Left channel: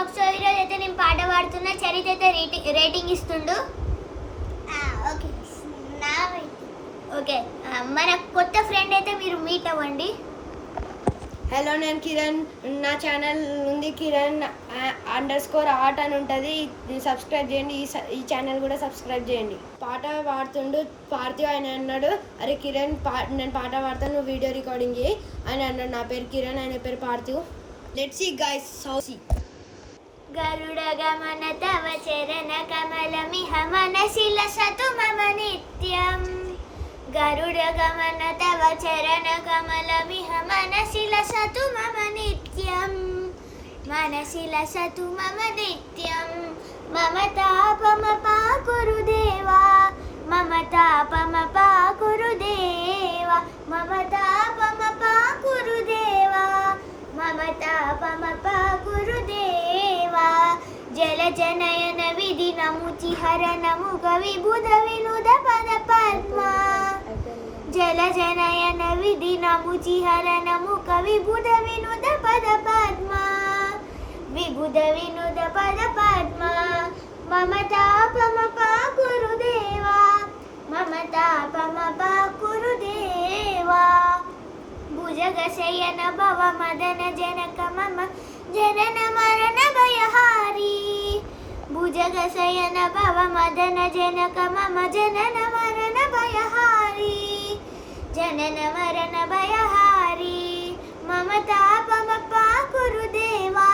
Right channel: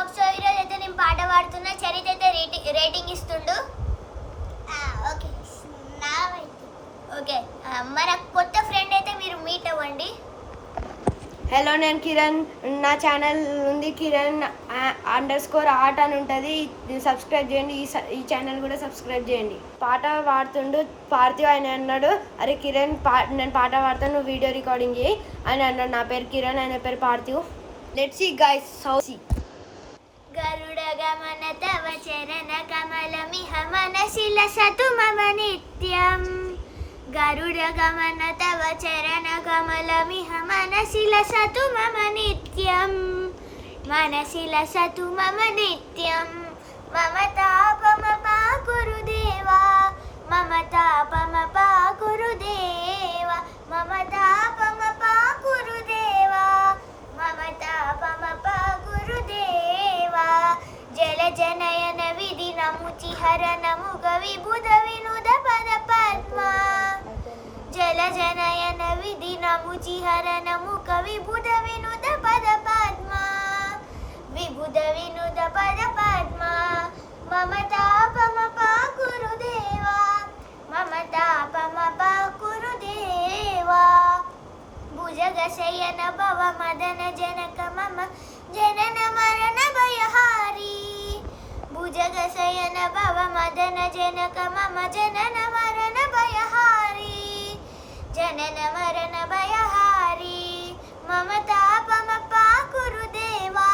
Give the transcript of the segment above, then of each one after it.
Blog so ఈరోజు అయితే నేను పాట పాడుతున్నా. చరిత అయితే రేటింగ్ ఇస్తుండు. ఓకే మన కొత్త ఫ్రెండ్ అయితే మీరు మీట్ అవ్వండి. హలో, నేను కిరణ్. నా ఛానల్ ఉంది కిరణ్ _art అని ఉంటుంది. సబ్స్క్రైబ్ చేయండి. ఈ ఛానల్ కూడా సబ్స్క్రైబ్ చేయండి. పాట పాడుతుండు పార్థివ్. ఆయన అన్నాడు, అరే కిరణ్ నేను పాట పాడతాను, నువ్వు వీడియో రికార్డింగ్ చేయి అని అన్నాడు. నా పేరు కిరణ్, ఆయన పేరు Parthiv. Let's see guys how see. గరుడ గమన తవ చరణ కమలమిహ మనసి లసతు మమ నిత్యం. గరుడ గమన తవ చరణ కమలమిహ మనసి లసతు మమ నిత్యం. మనసి లసతు మమ నిత్యం. మమ తాపమ పాకురు దేవా, మమ తాపమ పాకురు దేవా, మమ తాపమ పాకురు దేవా, మమ తాపమ పాకురు దేవా. జల జనయన విధి నముచి హర నముగ విబుధ వినుద పద పద్మా. జల జనయన విధి నముచి హర నముక విబుధ వినుద పద పద్మా. విబుధ వినుద పద పద్మా. మమ తాపమ పాకురు దేవా, మమ తాపమ పాకురు దేవా. భుజగ శయన భవ మదన జనక మమ జనన మరణ భయహారి. భుజగ శయన భవ మదన జనక మమ జనన మరణ భయహారి. జనన మరణ భయహారి. మమ తాపమ పాకురు దేవా,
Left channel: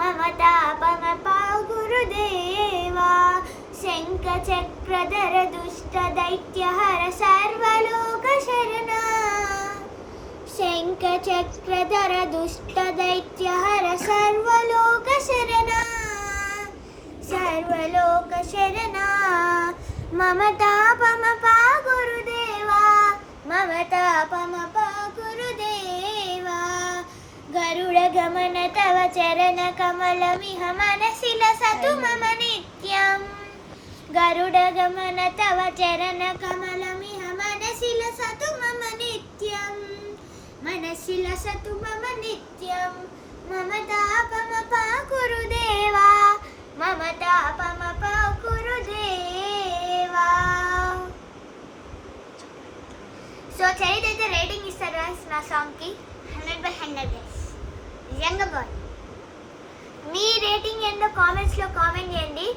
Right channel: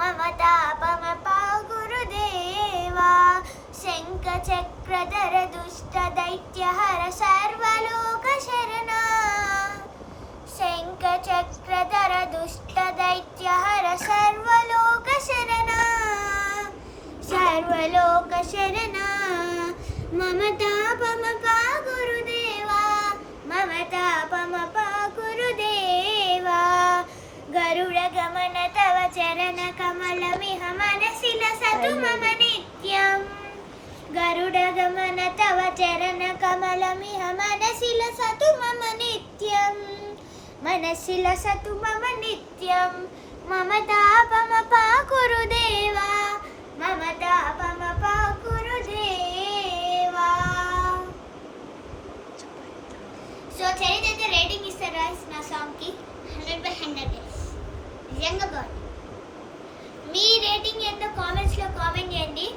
మమ తాపమ పాకురు దేవా. శంఖ చక్రధర దుష్ట దైత్యహర సర్వలోక శరణ. శంఖ చక్రధర దుష్ట దైత్యహర సర్వలోక శరణ. సర్వలోక శరణ. మమ తాపమ పాకురు దేవా, మమ తాపమ పాకురు దేవా. గరుడ గమన తవ చరణ కమలమిహ మనసి లసతు మమ నిత్యం. గరుడ గమన తవ చరణ కమలమిహ మనసి లసతు మమ నిత్యం. మనసి లసతు మమ నిత్యం. మమ తాపమ పాకురు దేవా, మమ తాపమ పాకురు దేవా. సో చరిత అయితే రేటింగ్ ఇస్తారు guys నా సాంగ్కి 100/100 guys. నిజంగా బాగుంది. మీ రేటింగ్ ఏందో కామెంట్స్లో కామెంట్ చేయండి.